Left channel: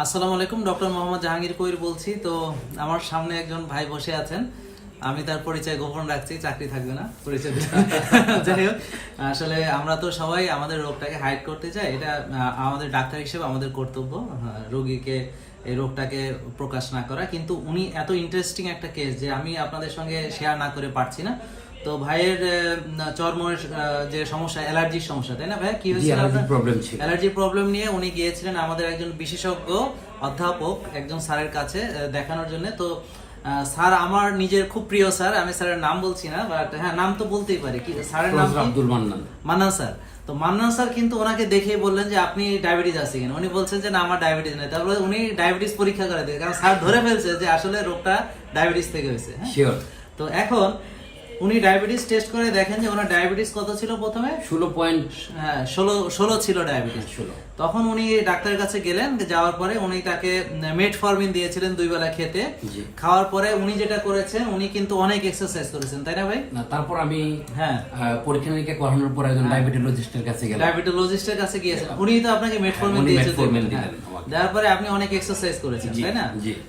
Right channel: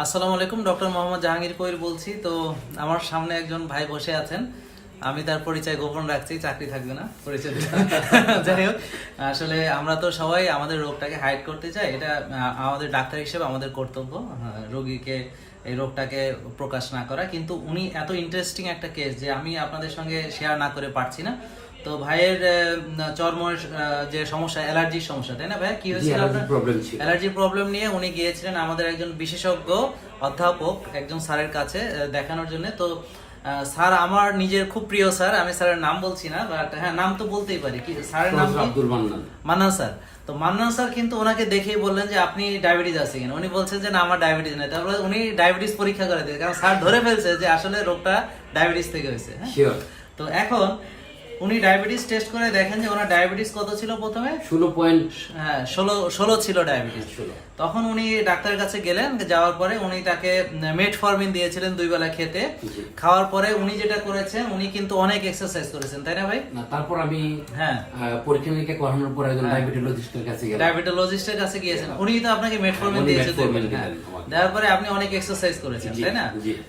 আসসালামু আলাইকুম, ডক্টর মোহাম্মদ জাহাঙ্গীর কবির বলছি। তো আমার সামনে একজন ভাই বসে আছেন। আমি তার পরিচয় গোপন রাখছি, চাকরি থাকবে না, পরিচয় যাই হোক, আসলে আমরা তো সবাই আমাদের রোগটাকে হাইড করতে চাই। এটা আমাদের ডাক্তার হিসেবে আমাদের কর্তব্য রোগীকে, এই রোগটাকে প্রকাশ না করা। কিন্তু উনি এত ইন্টারেস্টিং একটা কেস যে আমি আপনাদের সঙ্গে শেয়ার না করে পারছি না। তো ভাইয়ের চর্মের যে সমস্যা অ্যালার্জির সমস্যা তাই না ভাই? কি হয়েছিল আপনার? অ্যালার্জির প্রবলেম নিয়ে উনি গিয়েছিলেন আমাদের একজন বিশেষজ্ঞ অধ্যাপক একজন স্যারের কাছে দেখানোর জন্য। তো স্যার আমার নিজের খুব প্রিয় স্যার আমি স্যারের নাম বলছি না বাট হ্যাঁ নাম তো বলতেই পারি। কি স্যারের নাম কি? মান্নান। স্যার। তো মান্নান স্যার কিন্তু ওনাকে দেখেই বললেন যে আপনি ডায়াবেটিস আছে কিনা? উনি বলছেন যে না আমার ডায়াবেটিস নেই। তারপরে উনি ডায়াবেটিস পরীক্ষা করে দিয়ে কারণ স্যার ধরে ফেলছে যে আসলে রোগটা ডায়াবেটিস থেকে হয়েছে হ্যাঁ? তো এখন উনি ডায়াবেটিস টেস্ট করে দেখেন যে ওনার ডায়াবেটিস কত ছিল প্রথমে? ষোলো পয়েন্ট হ্যাঁ ষোলো ষোলো ছিল ডায়াবেটিস তখন উনি ডাক্তারের কাছে গেলেন যাওয়ার পরে উনি তাকে মেটফরমিন দিয়েছিলেন দুই বেলা খেতে। খাওয়ার পরে উনি যেটা করেছেন উনি কিন্তু অনেক এক্সারসাইজ করেছেন তাই না ভাই? তারপর আমি হ্যাঁ। পরীক্ষা নিরীক্ষা করানোর পরে ডায়াবেটোলজিস্টের কাছে গেলাম। ডায়াবেটোলজিস্টের কাছে গিয়েছেন। উনি তো আপনাকে মেটফরমিন উনি দিয়েছে দুই বেলা হ্যাঁ। দেওয়ার পরে আপনি অনেক এক্সারসাইজ করেছেন তাই না?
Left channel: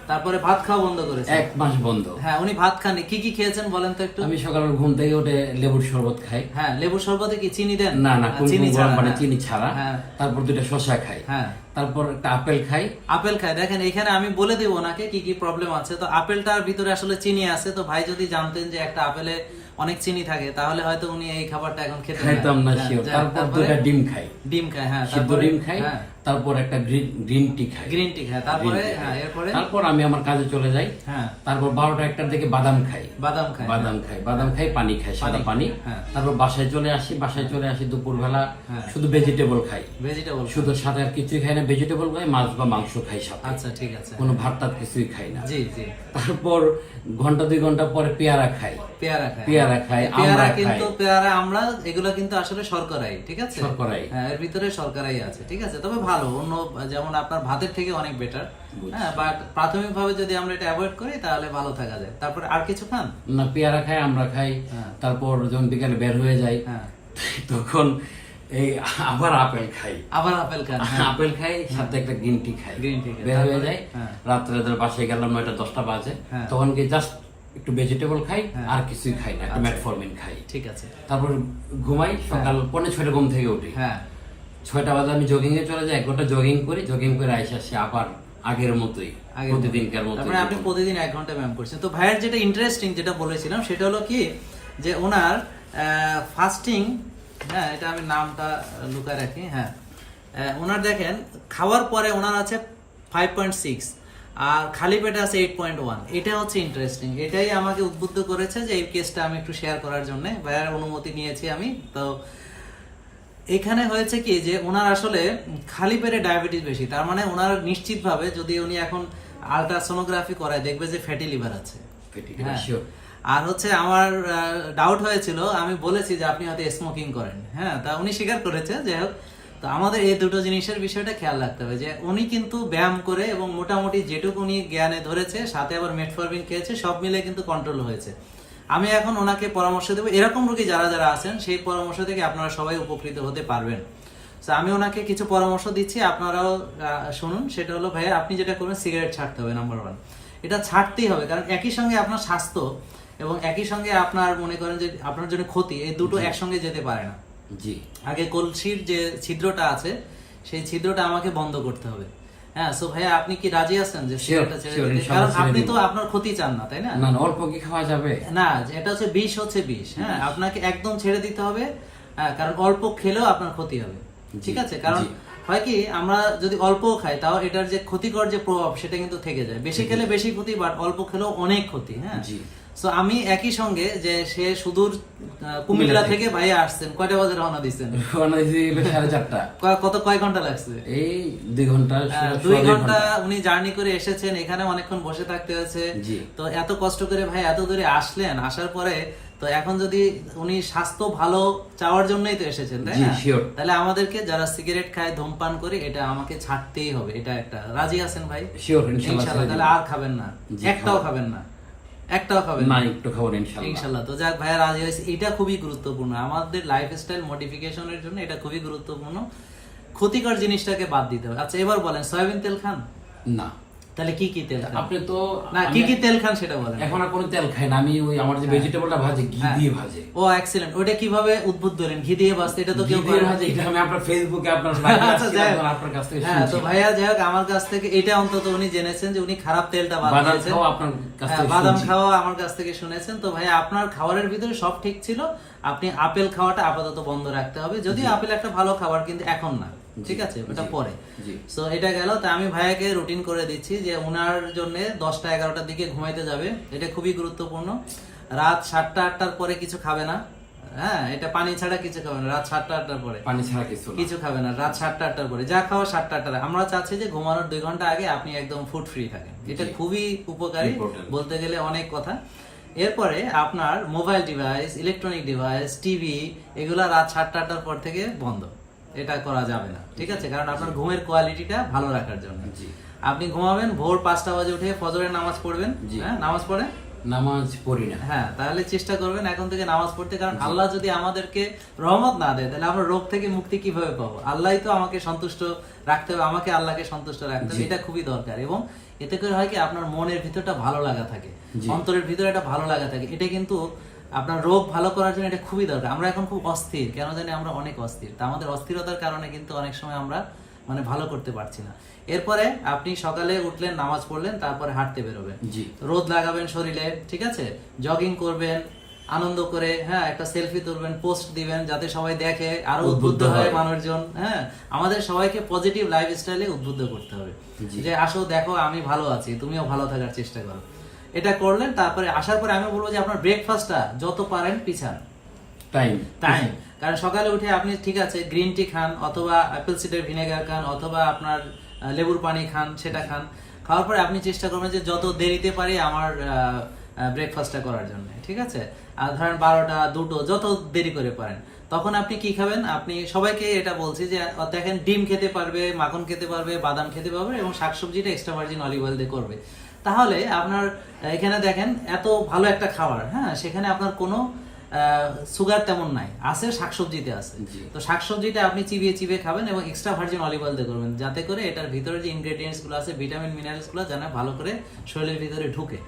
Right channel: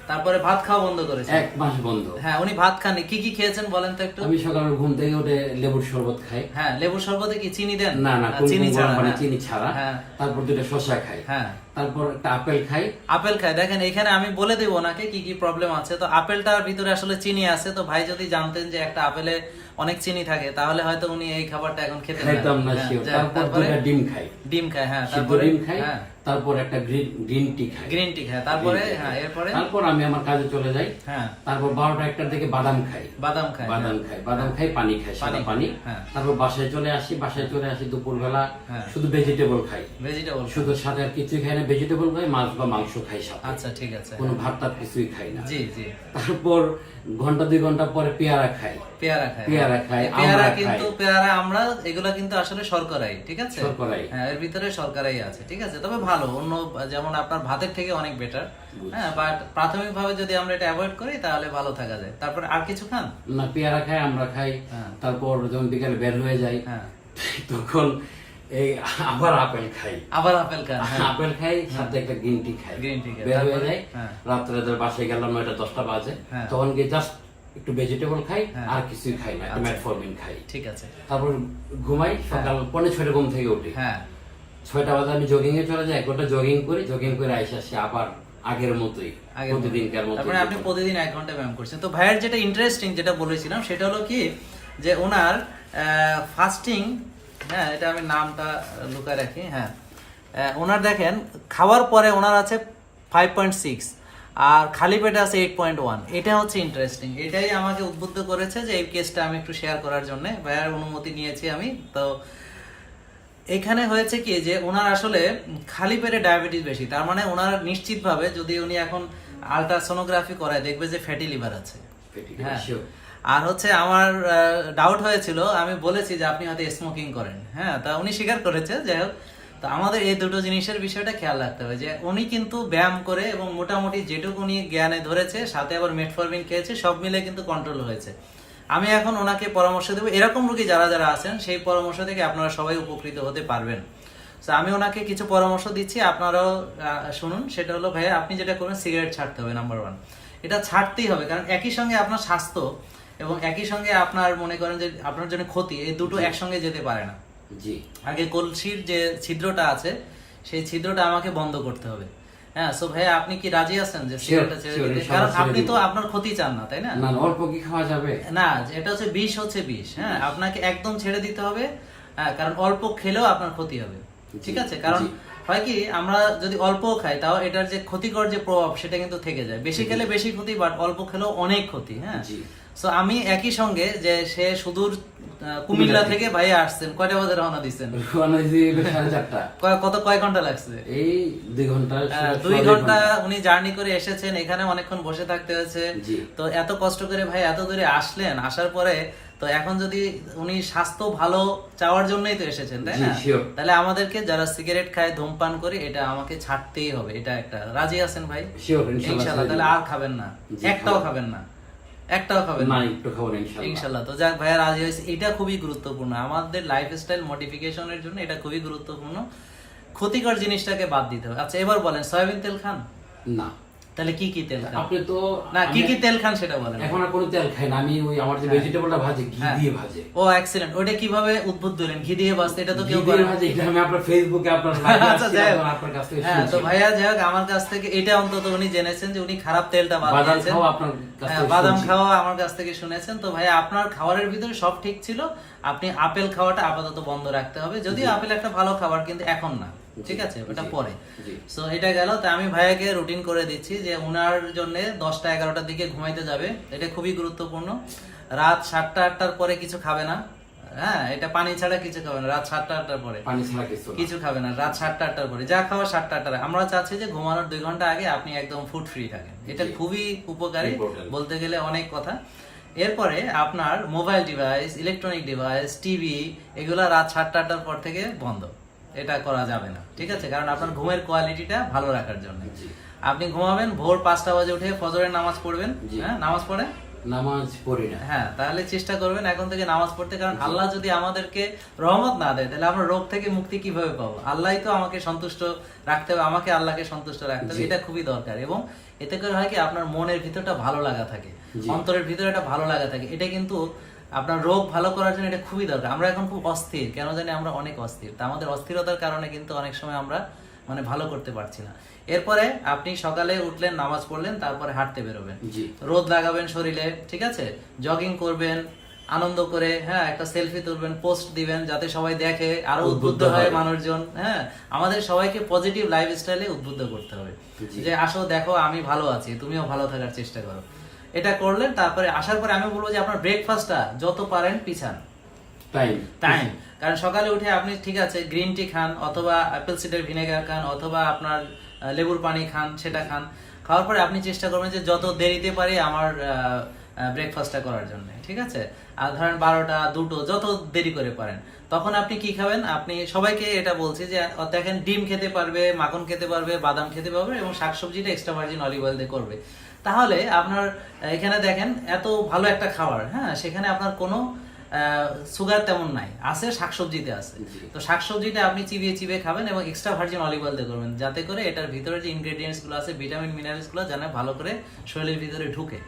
তারপরে ভাত খাওয়া বন্ধ করেছেন। এক মাস বন্ধ। হ্যাঁ উনি ভাত খাননি। কি কি খেয়েছেন বলেন তো একটু? আমি সকালে ঘুম থেকে উঠে লেবুর শরবত খাই। হ্যাঁ লেবুর শরবতে কি চিনি দেন? না না চিনি ছাড়া মানে হ্যাঁ। চিনি ছাড়া। হ্যাঁ। তারপর দুটো শসা খাই। হ্যাঁ। তারপর একটা আপেল খাই। আপেল খায় দেখেন এখানে আমি বলে দেবো ওনাকে কি কি প্রবলেম আছে। তো আপেলটার ভিতরে আসলে চিনি আছে। তো ভাই যদি জানতেন যে একটা আপেলে অনেক চিনি থাকে তাহলে হয়তো উনি এই খাবারটা এখন খেতে না শিওর তারপর ডিম খাই। ডিম খায় হ্যাঁ তারপরে ডিম খাই। হ্যাঁ। তারপর একটা গ্রিন গ্রিন টি খাই। গ্রিন টি খায় তারপরে? হ্যাঁ এরপরে? তারপর আমি আমার কাজে চলে যাই। হ্যাঁ। তারপর বারোটা একটার দিকে বাদাম খাই। বাদাম খায় বাদাম খাই বাদাম খাই পানি খাই সাদা পানি, হ্যাঁ। তারপর বাসায় চলে আসি বাসায় চলে আসি দুপুরবেলা। হ্যাঁ। শুধু ভেজিটেবল খাই। ভেজিটেবল শুধু সাথে আর কিছুই খাই না ভেজিটেবল খাই মাছ বা মাংস খাই সব। আচ্ছা ঠিক আছে। কোনো ভাত টাত কিছুই খাই না। জি জি। তারপর ঘণ্টা দুই ঘণ্টা পরে পেয়ারা খাই। পেয়ারা খায় পেয়ারা খাই, পেয়ারা কিন্তু পেয়ারা আমরা এগুলা কিন্তু আসলে শর্করাই ঠিক আছে? শর্করাই। হ্যাঁ এর ভিতরে শর্করাই আছে ঠিক আছে? তবে ভালো অন্য যেমন আপনার ভাতের থেকে অনেক বেটার হ্যাঁ বাট প্রাথমিকভাবে যদি আমরা এটা অ্যাভয়েড করি তাহলে ভালো থাকা যায়। তারপরে আর কিছু খান? না পেয়ারা খাই আমরা খাই। হ্যাঁ। তারপর যখন বিকালে বের হয়ে যাই হ্যাঁ। তখন এই আবার আপেল খাই। আবার আপেল খান হ্যাঁ। আপেল খাই সাথে একটা গ্রিন টি খাই। Tea খাই। বের হয়ে। রাত্রে ধর বাসায় গেলাম নয়টা দশটা বাজে। তখন কি জাস্ট একটু ভেজিটেবল খাই। আর কিছুই খাই না আচ্ছা। মেটফরমিন খাই। ঠিক আছে। তারপর ঘুমাই সকাল পৌনে ছয়টা ঘুম থেকে উঠি। হ্যাঁ। ছয়টা বাজে আমি জগিং এ চলে যাই এক ঘণ্টা জগিং করি জগিং করে আইসা আসি আবার আগের মতোই আগের প্রতিদিনকার মতো তারপরে আপনি প্রতিদিন এক ঘণ্টা ব্যায়াম করছেন। তো ভাইয়ের যেটা ইন্টারেস্টিং যেটা বলেছিলাম সেটা হলো কি যে ওনার ফাস্টিং হ্যাঁ এটা আমি নামটা লুকায় রাখি হ্যাঁ। ওনার দেখেন খাওয়ার পরে ওনার আছে ফাইভ পয়েন্ট সিক্স আর খালি পেটে আছে এইট পয়েন্ট ওয়ান এটা হচ্ছে ইন্টারেস্টিং এটাই আমাকে উদ্বুদ্ধ করেছে যে এই কেসটা আমি একটু শেয়ার করার জন্য। ভাইয়ার অনুমতি নিয়েছি আমি তো এখানে হয়েছে কি যে ওনার আসলে খালি পেটে ডায়াবেটিস বেশি। তার মানে ওনার নিশ্চিতভাবে যদি উনি এখন আলট্রাসোনোগ্রাফি করায় দেখবে যে ফ্যাটি লিভার আছে। হ্যাঁ। আর হচ্ছে আমার ডাউট হয়েছিল আমি বলেছি যে আপনি হয়তো স্মোকিং করেন। হ্যাঁ তা উনি স্বীকার করেছে যাই হোক। তো আমাদের এই দুটো জিনিসের বিষয়টা খেয়াল রাখতে হবে যে উনি কিন্তু ব্যায়াম করে এবং মোটামুটি যেটুকু উনি জ্ঞানে ধরেছে সাথে আবার মেটফরমিন খেয়েছে সব মিলে কিন্তু কন্ট্রোল হয়েছে। আমি এখন ওনাকে পরামর্শ দেবো। এরকম রোগী যারা যারা আছেন সেই পরামর্শ থেকে আপনারা সবাই উপকৃত হতে পারবেন। তো আমি ওনাকে কিছু পরামর্শ দিচ্ছি আপনারাও শুনুন। সেটা হলো ভাইয়া আপনি যেটা করবেন সিগারেট ছাড়তে হবে নাম্বার ওয়ান এটা ছাড়তেই হবে কারণ একই সঙ্গে আপনার স্বাস্থ্য এবং একই সঙ্গে আপনার মনে করেন যে আপনার জন্য ক্ষতি এই দুটো একসঙ্গে যেতে পারে না। জি। আগে কলসির যে ছিদ্রটা আছে সেই ছিদ্রটা আমাকে বন্ধ করতে হবে। হ্যাঁ সো ভাইয়া আপনি কি রাজি আছেন যে সিগারেটটা ছেড়ে দিতে কারণ আপনি তো আপনার ক্ষতি চান না তাই না? না অল্প কি খাওয়া যাবে। না এটা হচ্ছে বিষ হচ্ছে বিষ হ্যাঁ? আপনাকে একদম ছেড়ে দিতে হবে হ্যাঁ কারণ অল্প খেলেও আপনার ক্ষতি হবে ঠিক আছে? কারণ হয় কি আমরা যদি অল্প খাই তাও এটার যে ক্ষতিকর যে প্রভাব সেটা কিন্তু থেকে যায়। বেশি খেলে বেশি ক্ষতি বাট অল্প খেলেও অনেক ক্ষতি হ্যাঁ। সো আমি একই সঙ্গে যে সে সুদূর কুমিল্লা থেকে ভাই আসছেন কয়টা বাজে রওনা দিচ্ছেন কত কয় ঘণ্টা লাগছে? এই দুই ঘণ্টা দুই ঘণ্টা উনি জার্নি করে এসেছেন এখানে অনেকক্ষণ বসে থাকতে হয়েছে। তো এত কষ্ট করে ভাই এত দূরে আসলেন আসার পরে তো এখন যদি উনি স্বাস্থ্য ভালো চাওয়ার জন্যই তো এসেছেন তাই না? তাহলে আমাদেরকে যারা সিগারেট খায় ধূমপান করে এটা আমাকে ছাড়তেই হবে এটা একটা। রাজি আছেন ভাই? ইনশাল্লাহ তাহলে আর খাবেন না একটাও খাবেন না। একটাও খাবেন না। একটু খাবেন ইনশাআল্লাহ ইনশাল্লাহ। তো যাক ভাইয়া রাজি হয়েছে। এটা খুবই গুরুত্বপূর্ণ। আমাদের লাইফস্টাইল মডিফিকেশনের জন্য এটা খুবই গুরুত্বপূর্ণ। ক্ষতিকর জিনিসটাকে বাদ দিতে হবে। আচ্ছা এবার বলেন সয়াবিন তেল খান? না। তাহলে কি কি তেল খান? আপনি তো না কি কি তেল খান সেটা বলেন। এখন কোনো তেল খাই না আমি ওই আমার যে ভেজিটেবলটা ভাজে ঘি হ্যাঁ। দিয়ে ভাজে। ও এক্সিলেন্ট ওটা কীভাবে হলেন ঘি দিয়ে বাঁচতে এটা তো কেউ করে না। এটা আমি আপনার ফেসবুকে আপনার আচ্ছা যাই হোক। হ্যাঁ তো ভাইয়া যাই হোক আমার কাছ থেকে এটা অন্তত উনি জেনেছেন যে উনি খারাপ তেলটা বাদ বাদাম দিয়েছেন। হ্যাঁ, বাদাম খাওয়া আমার কাছ থেকে শুনেছেন। তো ভাই আপনার খাবারের ভিতরে সব ঠিক ছিল? আপনি আপেল খাওয়াটা আপাতত বন্ধ রাখতে হবে। যদিও আপেল একটা ভালো খাবার কিন্তু এখন না। ঠিক আছে? ওটা পরে। সো এটা গেল। তা আমি ভাইয়াকে রুটিন করে দিচ্ছি যে ওনার জন্য দশটা এগারোটার দিকে ঘুমাইতে যাবে। এটা খুবই গুরুত্বপূর্ণ। রাত সাতটা আটটার পরে কিছু খাবে না। হ্যাঁ এটা পানি ছাড়া কিছু খাবে না। রাত সাতটা আটটার পরে। কিছু খাবে না। রাত সাতটা আটটার পরে। যা খাওয়া সাতটা আটটা আমরা চাচ্ছি যে ঘুমানোর দুই ঘণ্টা আগে আপনি একদম ফুড ফ্রি থাকেন। এটা খুবই উপকারী বলতে গেলে অনেক কথা। এরপরে আপনার mobile device electronic device TV এগুলা রাত সাতটা আটটার পর থেকে বন্ধ। এটা করা যাবে না ঠিক আছে? কারণ আপনার ঘুমের কোয়ালিটিটা ভালো রাখার জন্য। আপনি ঘুমাবেন ভোর পাঁচটা বাজে উঠে ফজরের নামাজ পড়বেন হ্যাঁ? নামাজ পড়ে? নামাজ পড়ি না। হ্যাঁ তাহলে চেষ্টা করবেন এখন থেকে নামাজ পড়তে কারণ আল্লাহ যদি আমাদেরকে রহমত না দেয় তাহলে আমরা রোগ থেকে মুক্তি কীভাবে পাবো? আল্লাহই তো আমাকে সন্তুষ্ট রাখতে হবে আমাকে আল্লাহকে সন্তুষ্ট রাখতে হবে এটা খুবই দরকার। এবং এতে করে হয় কি আপনার মনের ভিতরটা ভালো লাগা থাকে অন্তরের ভিতরে একটা ভালো লাগা থাকে। এটা কিন্তু আপনার রোগ ভালো করার জন্য এটা খুবই দরকার। আমরা এখন খুব অস্থির কেন জানি আমরা অনেক অস্থির। তা আমাদের অস্থিরতার কারণে কিন্তু অনেক সময় আমরা মানে ভালো করতে পারছি না। এরপরে আপনি সকালে উঠলেন নামাজ পড়লেন তারপরে হাঁটতে বেরোবেন। রোদ লাগাবেন শরীরে ঠিক আছে? জগিং করবেন আনন্দ করে হ্যাঁ একটা সেলফি তুলবেন পোস্ট দিবেন যাতে সবাই দেখে আরও উদ্বুদ্ধ হয় হয়। মানুষজন হ্যাঁ? আমাদের সবাইকে পজিটিভ লাইফ স্টাইলে উদ্বুদ্ধ করতে হবে। যে আসো দেখো আমি ভালো আছি তুমিও ভালো থাকার চেষ্টা করো। এটা করলেন তারপরে আসার পরে আমি বলব যে আপনার ব্রেকফাস্টটা যত পারেন পিছান। টাইম টাইম কারণ সকালে উঠে আপনি ঠিক আছে গ্রিন টি খান অথবা অ্যাপেল সিডার ভিনেগার খান অথবা আপনার লেবুর পানি খান, সেটা খান। খাওয়ার পরে আপনি চেষ্টা করবেন যে যত দেরিতে পারি আমার ব্রেকফাস্টটা করার জন্য, ঠিক আছে? আর ধরেন বারোটা, দুটো, যত দেরি করে পারেন। তখন আপনি কি খাবেন? আপনি সবাইকে এটা বলছি যে দেখেন ডিম খেতে পারবে, মাখন খেতে পারবে, বাদাম খেতে পারবে এবং শাকসবজিটা এক্সট্রা ভার্জিন অলিভ অয়েল দিয়ে করবে। তাহলে আপনার এখানে দেখেন এত ভালো একটা খাবার হ্যাঁ? সেখানে আপনার কোনো সুগার তেমন নাই। আছে শাকসবজিতে আছে। তো শাকসবজিতে আপনি চিবিয়ে চিবিয়ে খাবেন এবং এক্সট্রা ভার্জিন অলিভ অয়েল দিয়ে করবেন। যাতে করে এটার ভিতরে যে ইনগ্রেডিয়েন্টসগুলো আছে ভিটামিন মিনারেলসগুলো যেন ভালো করে শরীরের ভিতরে ঢুকে।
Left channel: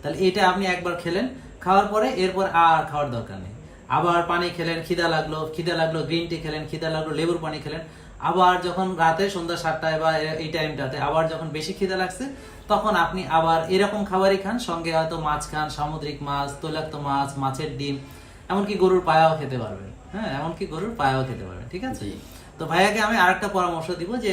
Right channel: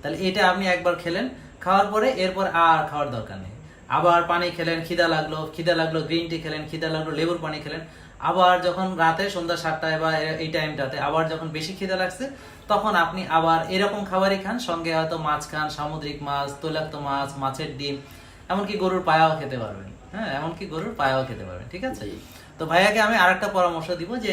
তাহলে এটা আপনি একবার খেলেন খাওয়ার পরে এরপর আর খাওয়ার দরকার নেই। আবার পানি খেলেন খিদা লাগল খিদা লাগল গ্রিন টি খেলেন খিদা লাগল লেবুর পানি খেলেন। আবার যখন রাতে সন্ধ্যা সাতটায় বা এই টাইমটাতে আবার যখন বেশি খিদা লাগছে তখন আপনি আবার এরকম খাবারই খান। সঙ্গে হয়তো মাছ খান সামুদ্রিক মাছ তৈলাক্ত মাছ মাছের ডিম। এমনকি গরুর পায়াও খেতে পারবেন হ্যাঁ এমনকি গরুর পায়াও খেতে পারবেন ঠিক আছে? তো ভাইয়াকে আমি আরেকটা পরামর্শ দিব যে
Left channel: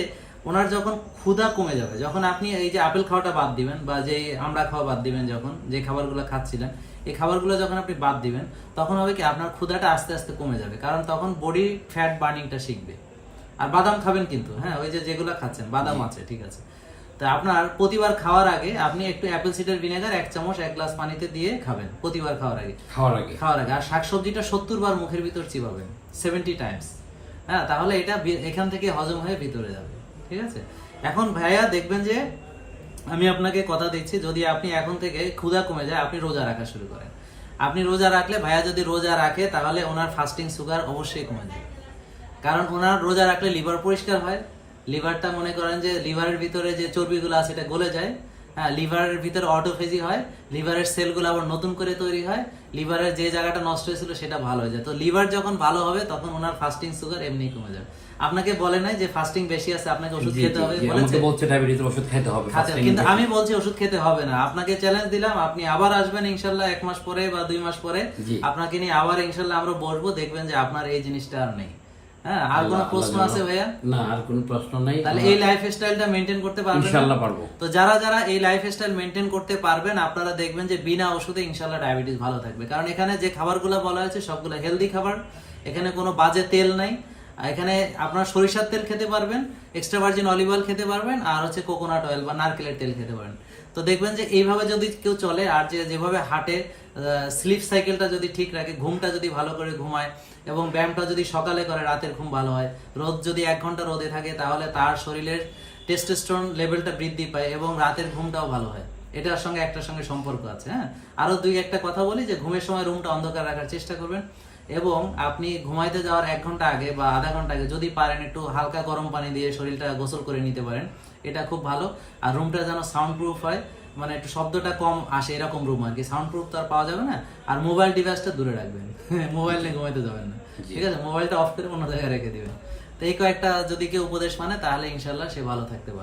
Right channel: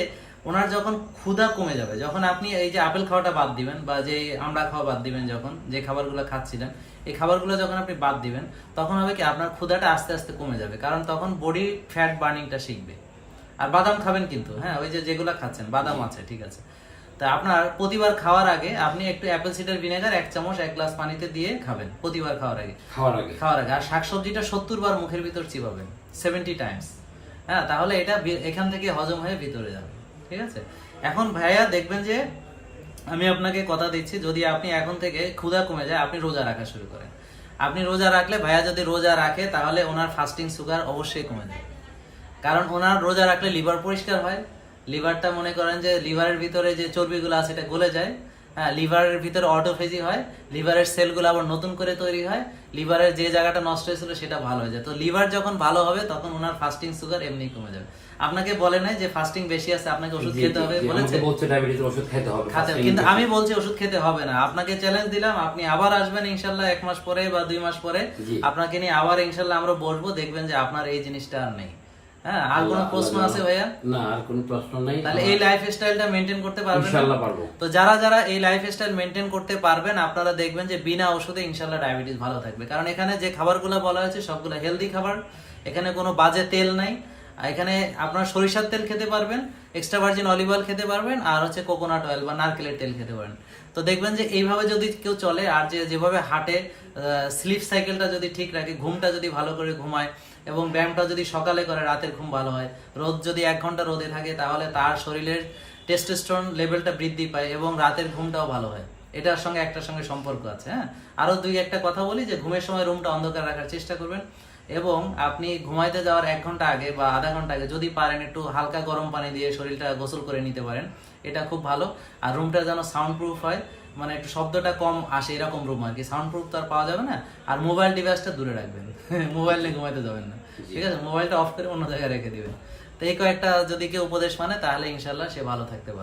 ওনার যখন ক্ষুধা কমে যাবে যখন আপনি এই যে আপেল খাওয়াটা বাদ দিবেন বা যে আমরা খাওয়া বাদ দিবেন যখন যে খাবারগুলো খাচ্ছিলেন এই খাবারগুলো যখন আপনি বাদ দিবেন তখন হবে কি আপনার ক্ষুধাটা আস্তে আস্তে কমে যাবে কারণ তখন বডি ফ্যাট বার্নিংটা শিখবে। আর বাদাম খাবেন কিন্তু হ্যাঁ ওই যে যেগুলো খাচ্ছেন বাদাম আছে ঠিক আছে? তা আপনার প্রতিবার খাওয়ার আগে আপনি একটু অ্যাপেল সিডার ভিনেগার এক চামচ এক গ্লাস পানিতে দিয়ে খাবেন প্রতিবার খাওয়ার আগে। খাওয়ার আগে। খাওয়ার আগে। আর শাকসবজিটা সত্তর বার মুখের ভিতর চিবাবেন সেভেন্টি টাইমস হ্যাঁ তাহলে এটা এখান থেকে হজম হয়ে ভিতরে যাবে ঠিক আছে? এখন ভাইয়া দেখবেন যে আমি আপনাকে কথা দিচ্ছি যদি আপনি এখন থেকে ক্ষুধা কমে যায় আপনি রোজা রাখা শুরু করেন। আপনি রোজা রাখলে ভাইয়া যদি রোজা রাখে তাহলে ওনার ফাস্টিং সুগার অবশ্যই কমে যায়। কারণ ওনার রোজা রাখলে লিভার পরিষ্কার হয় লিভারটা মনে করেন যে লিভারের ভিতরে যে চর্বিগুলো আছে এটা গলে যায়। হ্যাঁ লিভারের ভিতরে অটোফেজি হয় লিভারের সেলগুলো আবার নতুন করে তৈরি হয় লিভারের যে জায়গাটা নষ্ট হয়েছিল সেটা ভালো হয়ে যায়। তো লিভার যখন ভালো হবে তখন ওনার ফাস্টিং সুগার এমনি কমে যাবে। আপনাকে বলে নাই যে ফাস্টিং বেশি আছে আপনাকে ওষুধ খেতে হবে বলেছে। বলছে ডায়াবেটিস ওষুধ খেতে হবে খাতে কিন্তু আমি বলছি ওষুধ খেতে হবে না। আপনাকে চ্যালেঞ্জ দিলাম আপনি আবার আসবেন ইনশাল্লাহ এক মাস পরে বা দুই মাস পরে। আপনাকে নিয়ে আবার ইনশাল্লাহ আমরা বসবো দেখবেন যে আপনার এই জিনিসটা আর নেই। হ্যাঁ আর কোনো প্রশ্ন আছে ভাইয়া? না আর কোনো প্রশ্ন নেই। তাহলে এই লাইফ স্টাইলটা মেনটেন করতে পারবেন? ইনশাআল্লাহ পারব। তো যারা যারা এই লাইফ স্টাইল মেনটেন করতে পারবেন আপনারা দেখবেন যে বিনা ওষুধে ইনশাল্লাহ ডায়াবেটিস ভালো থাকবে। কারণ এখানে যে খাবারগুলো বলা হয়েছে সবগুলো হেলদি খাবার। এখানে কোনো বাজে তেল নাই। আর এখানে আপনার সরিষার তেল খেতে পারবেন এক্সট্রা ভার্জিন অলিভ অয়েল খেতে পারবেন আর হচ্ছে কোকোনাট অয়েল বা নারকেলের তেল খেতে পারেন। তো দেখবেন যে এইভাবে যদি কেউ চলে আর যে যেভাবে হাঁটে স্লিপ সাইকেলটা যদি ঠিক রাখে, ঘুমটা যদি ভালো করে ঘুমায় এবং ব্যায়ামটা যদি সকালে করে, রাতের ঘুম ভালো হয়, রোদ যদি এক ঘণ্টা রোদে থাকে, তাহলে তার শরীরের টেস্টোস্টেরন লেভেলটা বৃদ্ধি পায় এবং রাতের ঘুমটাও ভালো হয়। এটার সঙ্গে একটার সঙ্গে সম্পর্ক আছে হ্যাঁ? আরও দুই একটা কথা বলি যে, ঘুমের সময় রুমটা অন্ধকার রাখার চেষ্টা করবেন এবং আপনি ঘুমাইতে যাওয়ার এক ঘণ্টা আগে বা আধা ঘণ্টা আগে যদি পারেন একটু হালকা গরম পানি দিয়ে শরীরটা গোসল করে নিতে পারেন, এটা খুব ভালো। আর রুমটা যেন সাউন্ড প্রুফ হয় মানে একটু শব্দটা কম আসে এরকম রুম আর কি। সাউন্ড প্রুফ তো আর পাওয়া যাবে না। আর মোবাইল ডিভাইসটা দূরে রাখবেন। মোবাইল নিয়ে ঘুমাইতে যাবেন না। ঠিক আছে? মোবাইলটা অফ করে অন্য জায়গায় রেখে দিবেন। তো এই কয়েকটা যদি কেউ উপদেশ মানে তাহলে ইনশাল্লাহ সে ভালো থাকতে পারে